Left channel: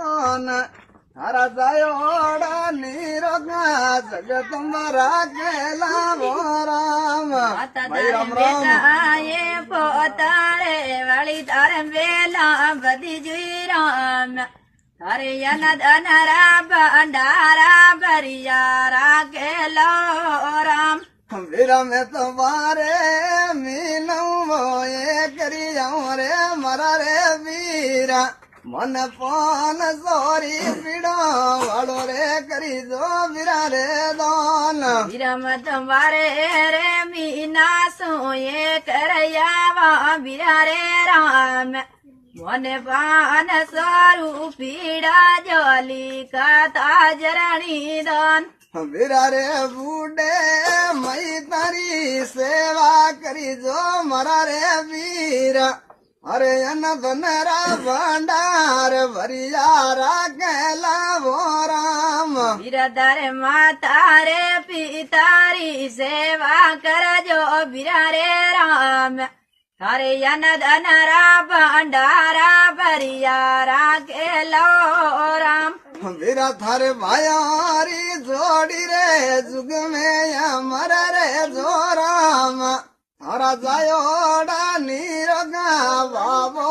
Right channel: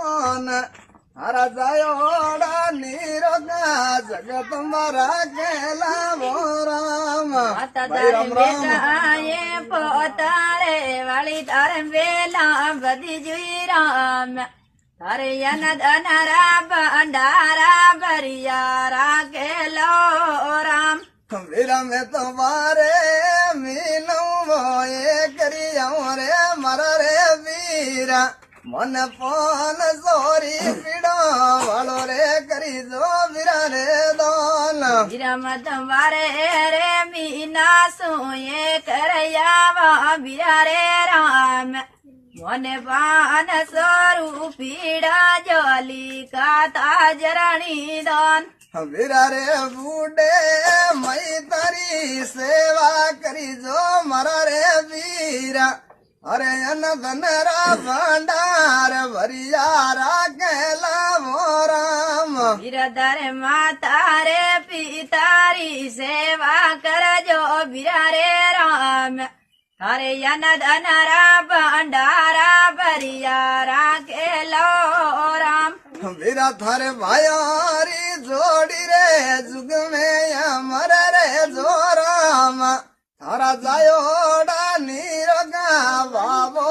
हरा जायोड़ा नीरोगा जगत मरा केला वो राम भाई राम राम ये पोतारे वाली तारे वेला बदी जी राम तारे यनद अनरा भंडारा भरिया राकेलो राम वीरा में तुम्हारे मीनू वो ये करिया रे मरा रे वीरा मन पान सोरी पीड़ो वालो रे करी दो वीरा रे दान विरम तुम्हारे रे मीना सोए करयावा वीरा रे राम मन पान सोरू पीड़ा जोली का ताजरणी दान वीरा रे बूढ़े मई तारी सेवा करी जो मरा रे वीरा अरे अन बनरा भंडार भरिया राकेला वो राम वीरधर माता रे पितारी सेवा कर जो वीरा रे राम हरे यनद अनरा भंडारा भरिया राकेलो राम वीरा थारे भायारी जोड़ी रे जुग में अमर रे जो राम थारा जायोड़ा नीरोगा बाबो